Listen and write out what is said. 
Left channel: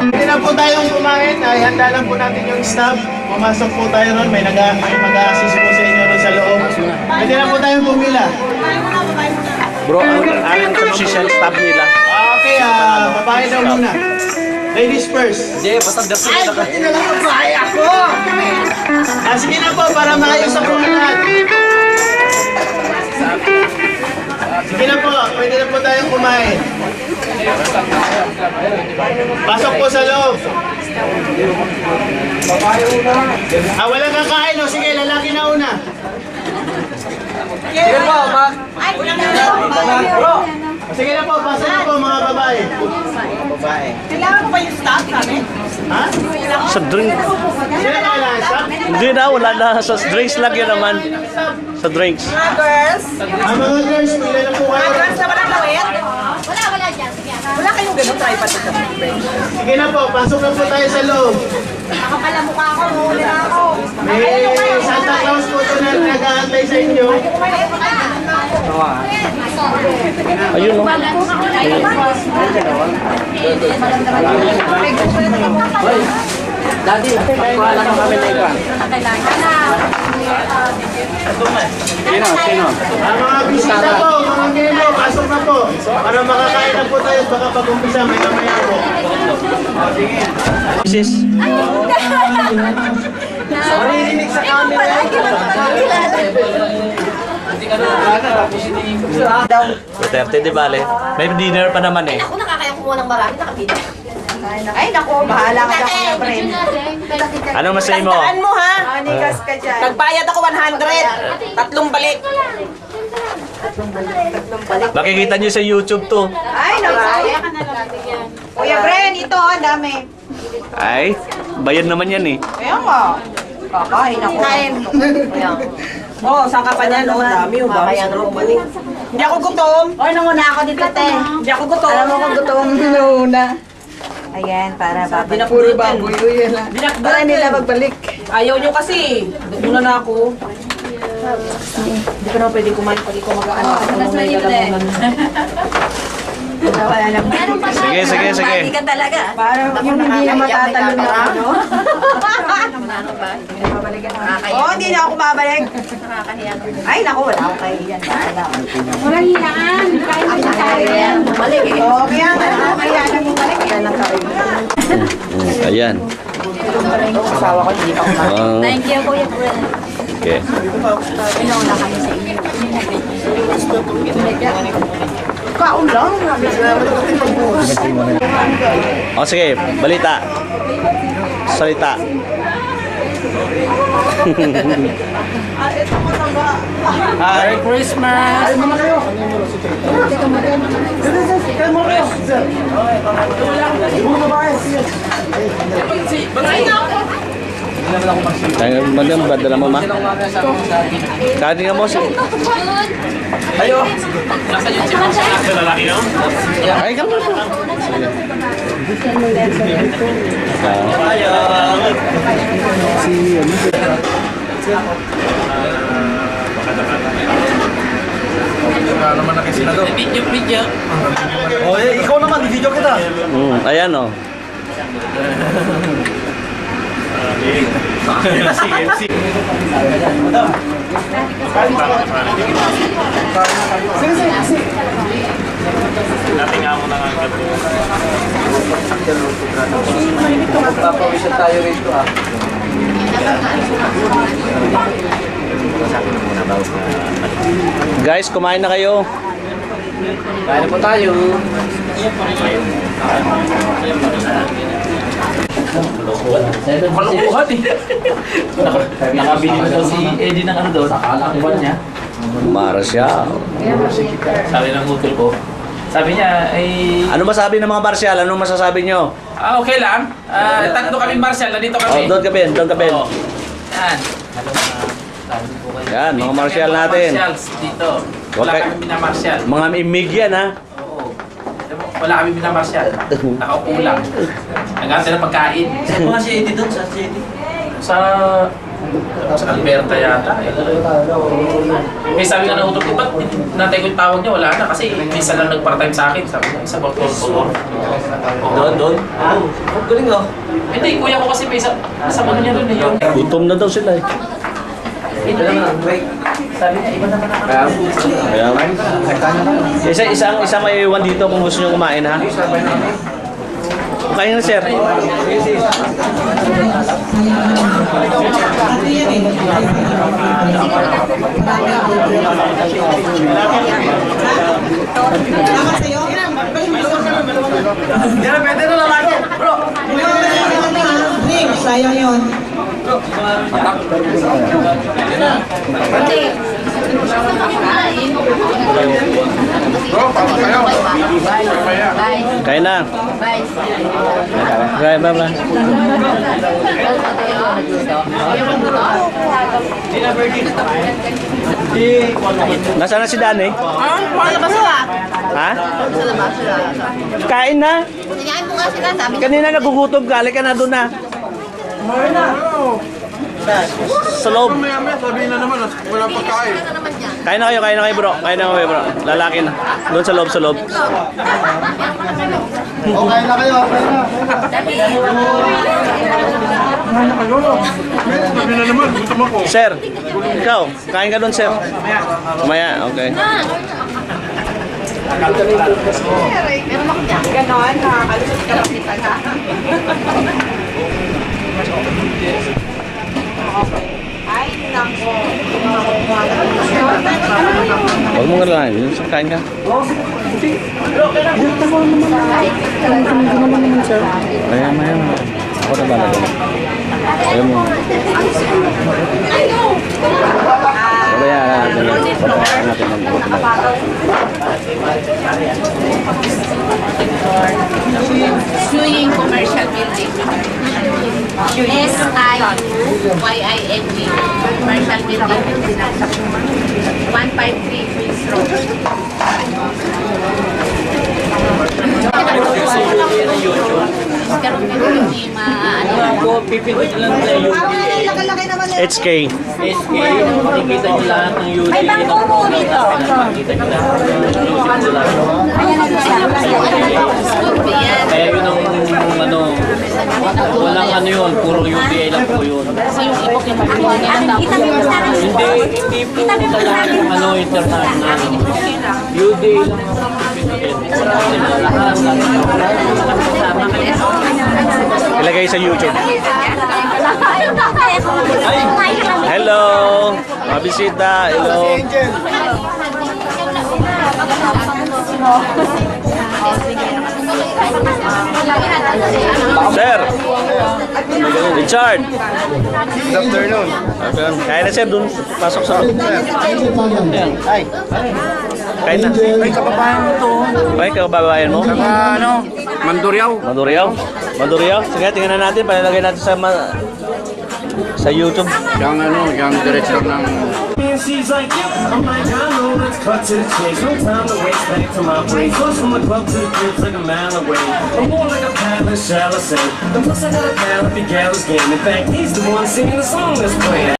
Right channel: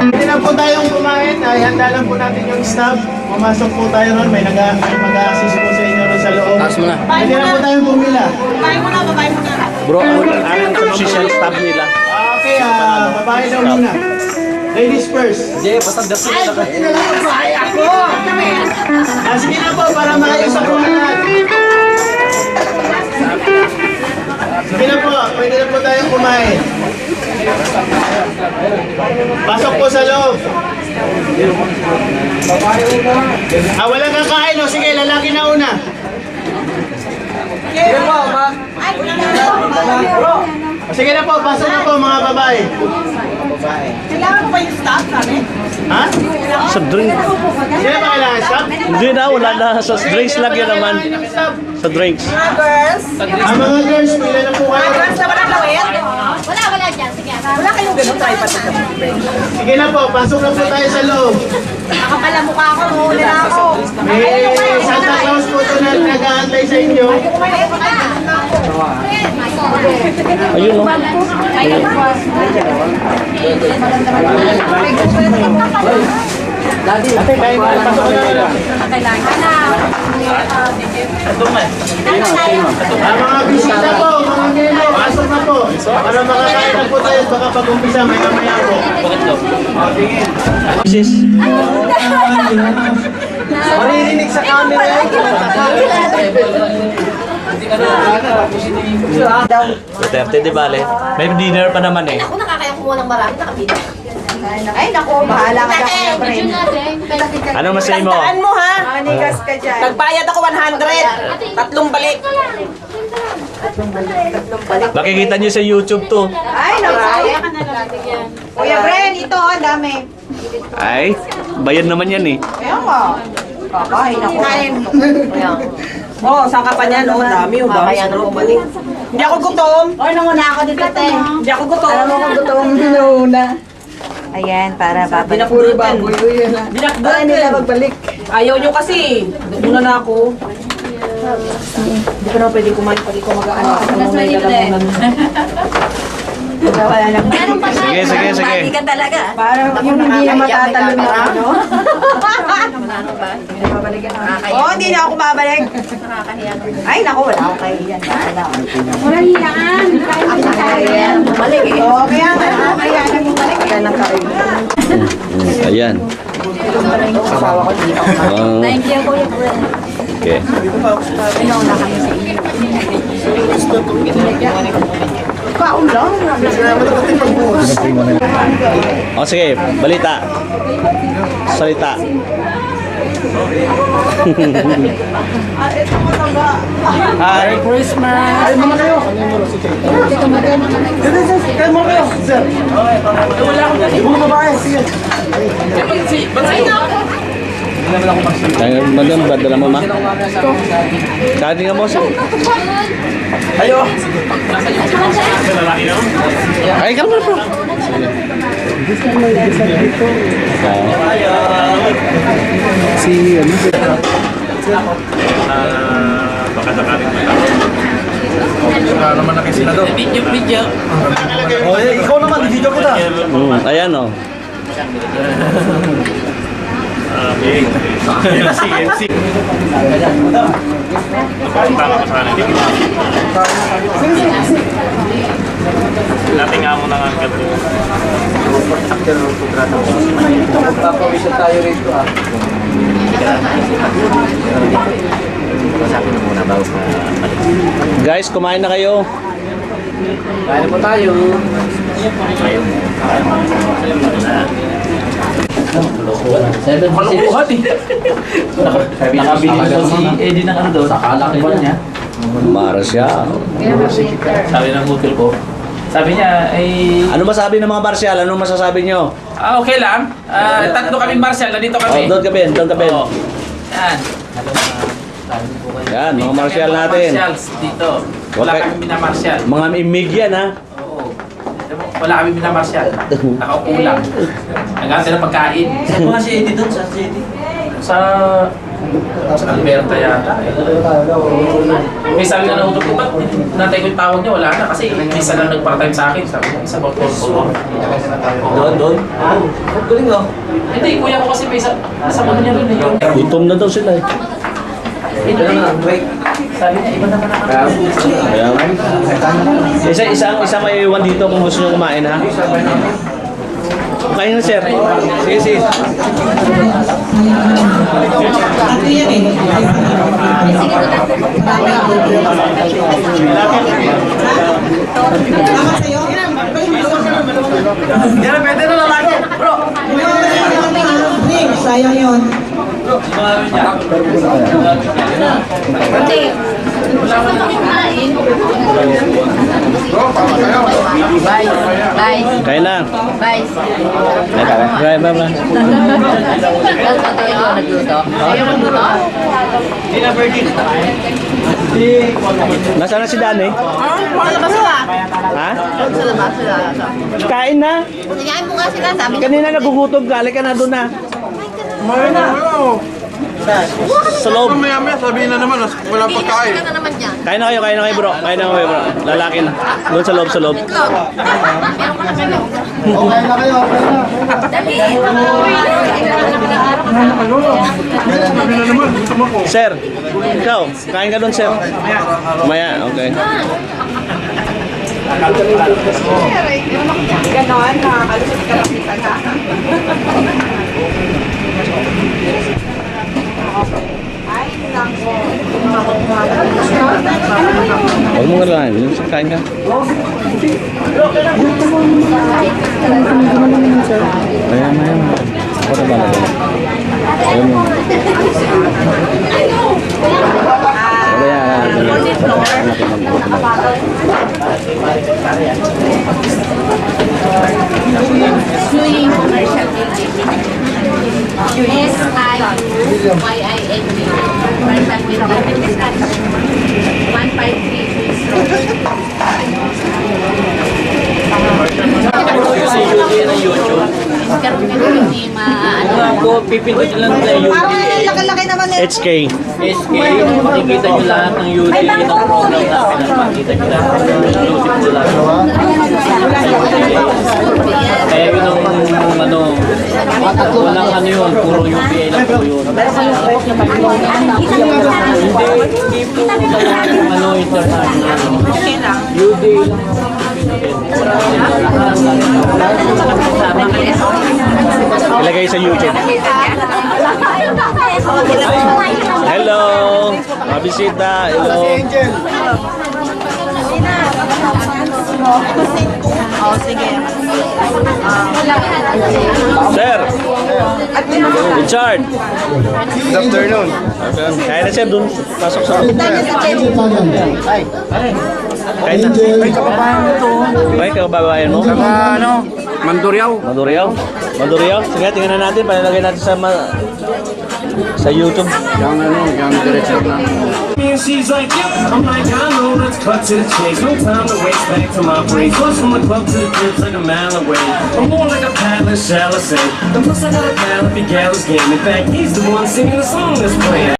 Hindi na po tayong kumain. Ay, handa lang po natin yung staff. Pumasok po tayo ron. May mag-a-assist po sa inyo ron sa loob. Hindi na po tayong pumila. Bro, anong position staff nila? Okay, babae daw muna. Ladies first. Hindi, basta dapat nila ka. Hindi na lang babae ako! Sige na po, para maayos ang lahat. Sige na po, pwede na po tayong kumain. Pasok po sa loob. Walang kakain, no? Sige, lalaki na una. Sige po, sige na po, pasok na po mga babae. Kailangan ko pa yung staff namin? Ha? Sa drink. Sino ba kailangan staff? Hindi na, wala na. Sa drinks lang yun naman. Sa drinks. Mga girls? Ang mga girls, pila na po Mga kayo. girls na walang lawet? Wala dyan. Sige. Wala kayong ganun tripod sa Sige na po, pasok na po tayo sa loob. Nakapala mukha ako, huli na ako. May Santa Claus po ito na nag-aantay sa inyo. Ayun, no? Daddy, Ang mga bisita po, mga kemo, pasok na po. Para makakain na po tayo, baka pag-umpisa, maya-maya po. Sis. Maririnig sa camera. Duterte, di bale. May dinner pa naman eh. Ako nakakaya kumuha ng marami. Nakapila. Ay, naku, bahala ka na friend. Anong masay mo? Tandaan mo ha. Manigas ka dyan. Nagbayad ako 100. Tatlong balik. Makikita nyo sa YouTube to. Ay, naku. Kuya Bren, ito, ang dami. Ay, bayad naman yan eh. Kaya nga. Kakain ako. Oh, saan ka pa niyan? Oh, dami. Oh, dami. Hindi ako gutom. Oy, nanguna ako dito, te. Hindi ako gutom. Alam mo kung gutom na. Ayan, para babalik. Puro baboy. Para nila magbalik. Ayaw nyo kasi. Muna na ako. Hindi ko na pwede kumain pag ikaw mag-ano. Ano may lalamunan. Meron pa tayo. Sige, sige, sige. Bati ka talaga. Parang yung hindi na matatalon na ano. Ano ba? Oo, hindi na ako babalik. Nakakahiya. Ay, naku, wala akong kahiyan. Walang hiyaan. Kaya bumalik eh. Oo, kaya nga, kaya nang bumalik. Kaya nang kahiyan. Ayan. Asawa ko, hindi ako. Thank you, Kuya Fred. Okay. Pinauna kami sa inyo. Kaon lang. O sige, balita. Salita. Merry Christmas! Ay, mga kayo! Kayo mga kayo! Sir! Mga babae, sige! Kaya madam, badala mo ma. Kani nga mo sa. Ayo! Ay, kamo po. Si ano? Naman na kasi na doon. Video. Oh, ikaw naman, video kita. Ayan o. Dating amo ng angkat. Papawisan tayo rito ah. Guys, kumain na kayo. Kain po tayo. Malukuhan eh. Nakabili na daw si Eddie ng ano doon. Nakalakiwan niya. Marcia. Sabi ng utol ko. Sabi niya ay... Ano masabi ng mga Marcial? Ano masasabi nyo? Okay lang. Tatlo kami Marshall. Nandito Oh, kami. doon ka Ben, doon ka Ben. Oo. Yan. Yan, mga martial natin. Martials dito. Wala Okay. kami minamartial. Mga imig yan, ha? Oo. Wala kami minamartial. Nakaupo lang. Nagantay ng pagkain. Saan mga si Eddie doon? Saan si Eddie? Sa Alberta yata. May sabi nga na utog ko, ba't natay ko yung tawag niya? Wala na. Kasi isa lang nag-part-time sa akin. Sabi niya, isa about Doon? Ang galing oh. Hindi, kuya ko kasi may isa. Nasa ano niya doon eh. Yung Gutom na daw sila, eh. Ito lang ang break. sabi niya, iba naman ako. Kaya, isa may iwan dito kung gusto nyo kumain, ha? Kain na, sir. Sige, sige. Sayang yun. Bye. Kain na. Bye. Bye, bye, bye. Nasaan na si Dani? Ha? Kain na. Tingnan mo nga sila, sabi niya. Kanina nagugutom ka. Halika na doon na. Sa loob. Maya-maya sabihin na naman, walang pagkain. Ano naman dyan? Kain na kayo bro. Kain na kayo bro. Lalaki na. Doon sa loob, sa loob. Itlog. Meron ko na kayo. Okay na kayo, okay na. Dali. Sabi na naman, gusto mo ko. Sir, ikaw, kain ka doon, sir. Maya, okay. Ganon, nakakalusot ka lang kita na. Ay, nako. Huwag mo nga lang. Kain ka. Maya. Ako na bala doon. Ayaw mo. Suying Commercial Building. S-I-Y-I-N-G. Commercial Building. 153 Queens Road. Si Judy na YouTube. Karoon ka hindi maano. Ako, pipindot lang na UDA. Laki-laki naman eh. HK. SK, makikita nyo lahat ng UDA na program natin. Makikita nyo lahat ng exclusive na lahat. Kaya yun ang walang ano yun, puro UDA lang po yun. Hindi po lahat ng international. UDA lang. Ilagay sa YouTube. Hello. Mabisita. Hello. Sir. Richard. Good afternoon. Kain na, sir. Doon. Pasok sa loob. Ay, Kain na. Ay, kababayan mo to. Ay, kababayan mo? Ano? Manduryaw. Maduriao? Sige, tingnan na natin. Palalagay natin sa YouTube. Yung director ng... And she's like, yeah, I'm like, I know, let's cut to the chase. No time to waste, back to my place. Plus from the club to the crib's like a mile away. I'm more like a paddler, shall I say. And plus I got a pal if he gals game. In fact, he's the one singing the song that's playing.